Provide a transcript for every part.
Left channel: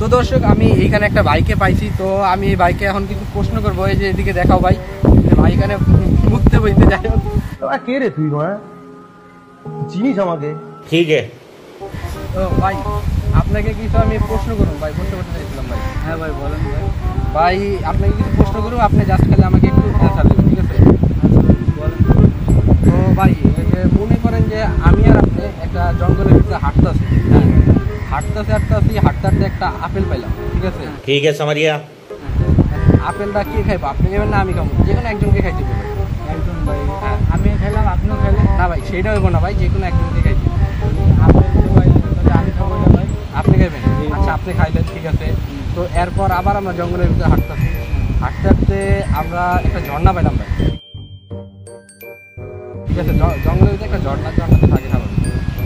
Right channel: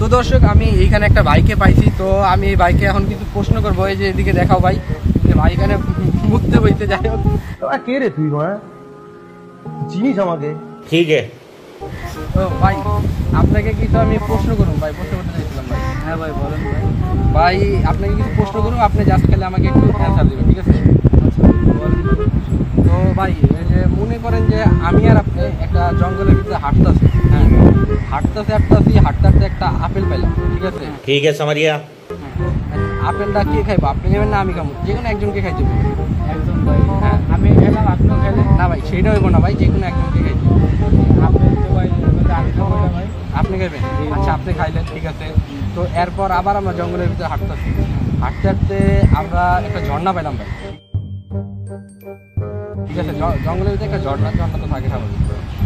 তো দর্শক আমি এইখানে একটা ভাইকে পাইছি, তো আমি এই ভাইকে এখন কিছু প্রশ্ন করবো। এই যে এদিকে দেখাও ভাই, ভাই এখানে মুখতে বইতে যাই হোক। কে রে তুই চিনিস আমাকে? ঠিক আছে। তো ভাই আপনাকে কিছু আমি প্রশ্ন করুন ভাই, প্রশ্ন করতে চাইছিলাম ভাই। হ্যাঁ ভাই বলেন ভাই। ভাই আপনাকে কিছু প্রশ্ন করুন, আপনি জাস্ট খালি আমাকে একটু অ্যান্সার দেবেন, ঠিক আছে? তো ভাই এই যে মনে করেন যে আমি আর আপনি একটা জঙ্গলের ভিতরে হাঁটতেছি, হ্যাঁ হাঁটতে হাঁটতে একটা আপেল পাইলাম, ঠিক আছে? ঠিক আছে समझिए। আপেলটা কে খাইবো, আপনি নেবেন না আমি খাবো? যে কোনো একজনকে খাইতে হবে ভাই। একদম ভাই, হ্যাঁ আমি খেলাম আপনিও খেলেন না ভাই, সেইটা হইব না ভাই, যে কোনো একজনকে খাইতে হবে। আপেল তো ভাই আমি খাবো এটা ভাই। আপনি খাবেন? আচ্ছা আপনি খাইলেন, ঠিক আছে। তো এরপর আবার আমরা জঙ্গলের ভিতরে হাঁটতেছি, হাঁটতে আমরা একটা ঝর্ণা পেলাম ভাই, ঠিক আছে? জঙ্গলের ভিতরে একটা ঝর্ণা তো থাকে খাবার।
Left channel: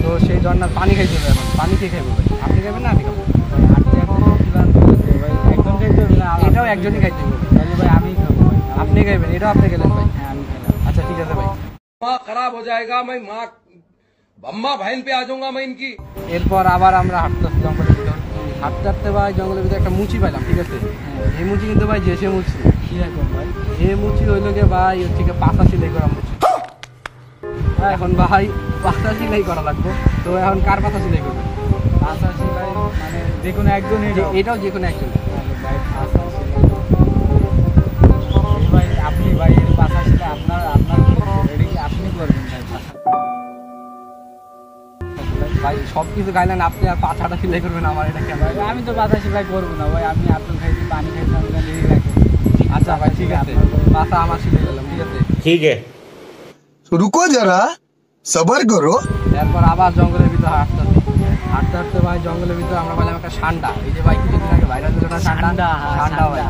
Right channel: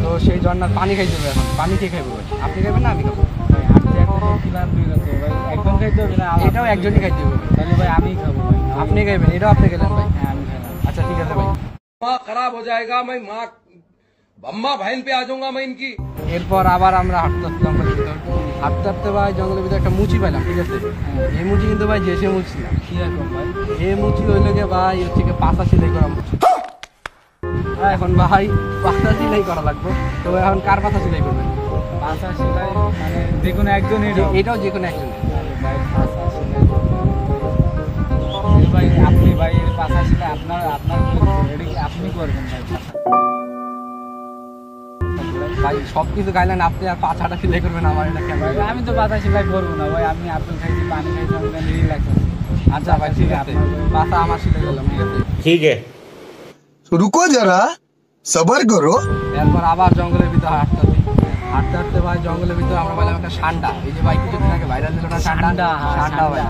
তো সেই ঝর্ণার পানি খাইতে হবে। এখন পানি কে খাইবো ভাই, আপনি খাবেন না আমি খাবো? ভাই হাঁটতে ক্লান্ত হয়ে যাচ্ছে ভাই, একদম খাইতে হবে না? এটাও একজনই খাইতে হবে ভাই। তাহলে ভাই আমি খাবো ভাই। আপনি খাইবেন, এটাও আপনি খেলেন ভাই। হ্যাঁ আমি খেলাম। আচ্ছা ঠিক আছে ভাই। खराब हो जाएगा, मैं माँ अम्मा बहन पे आ जाऊंगा मैं इनकी। এরপর আবার আমরা হাঁটতেছি জঙ্গলের ভিতর, হাঁটতে ভাই জঙ্গলের ভিতরে একটা মুচি পাইলাম, ঠিক আছে? এই মুচি কিন্তু ভাই যে সে মুচি না। কিরকম ভাই? এই মুচি হইল গিয়ে ভাই হচ্ছে পাশা সেলাই করা মুচি। এখন ভাই পাশা সেলাই করা লাগবে, তো এখন কার পাশা সেলাই করবেন? পাশা সেলাই মানে যে কোনো একজন? এটাও যে কোনো একজন। ভাই পাশা সেলাই ভাই আপনি ভাই এর পাশা সেলাই আপনার কি আপনি করবেন ভাই? পাশা ভাই সবকিছু গাইলেন আপনি, আর পাছাটা সেলাই করবেন আমার, এটা কেন? আমি তো পাশা সেলাই করবো না ভাই, আমি আপেল খাইছি পানি খাইছি আমি জানি রিল্যাক্স। আচ্ছা ভাই ঠিক আছে, পাছা আমার সেলাই করলাম, ঠিক আছে? ठीक है। রুকো যারা, সবার করো। এরপর আবার জঙ্গলের ভিতরে হাঁটতে ভাই জঙ্গলের ভিতরে আমরা পেলাম একটা ষান্ডা। এই যে ভাই কিছুদিন আগে ভাইরাল ছিল না ষান্ডা ভাই,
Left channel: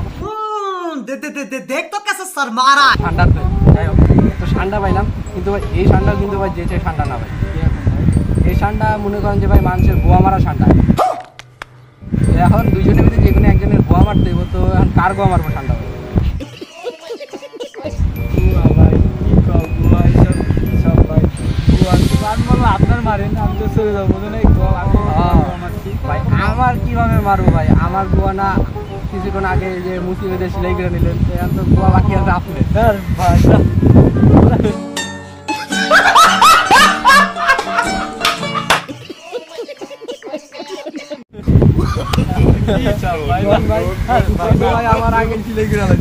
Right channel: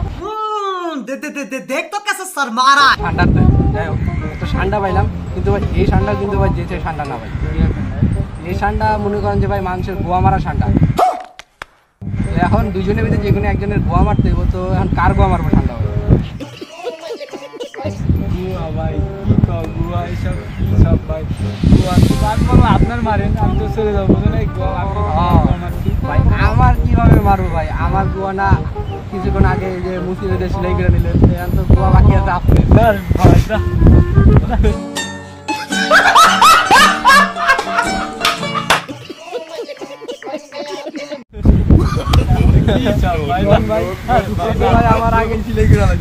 দেখ তো কেসে সর মারা। ষান্ডার তো যাই হোক, তো ষান্ডা পাইলাম। কিন্তু ভাই এই ষান্ডা কিন্তু ভাই যে ষান্ডা না ভাই। কিরকম ভাই? এই ষান্ডা মনে করেন যে ভাই মানুষের গোয়া মারা ষান্ডা। এখন দুজনের ভিতরে যে কোনো একজনের গোয়া মারতে হইব, তো এখন কার গোয়া মারবো ঠান্ডা ভাই? গুয়া ভাই কি কও, গুয়া এইসব কি সব ভাই? গুয়া আমি বলবো আপনার মারেন, আমি তো চলে যাবো না। মারছি ভাই আমার কিভাবে মারবো ভাই? আমার গোয়া না কিছুক্ষণ আগে যে মুসলিমদের সিলাই করে নিলেন, এখন তো গোয়া বাকি আছে আপনি। ভাই আমার আগে সিলাই করে ভাই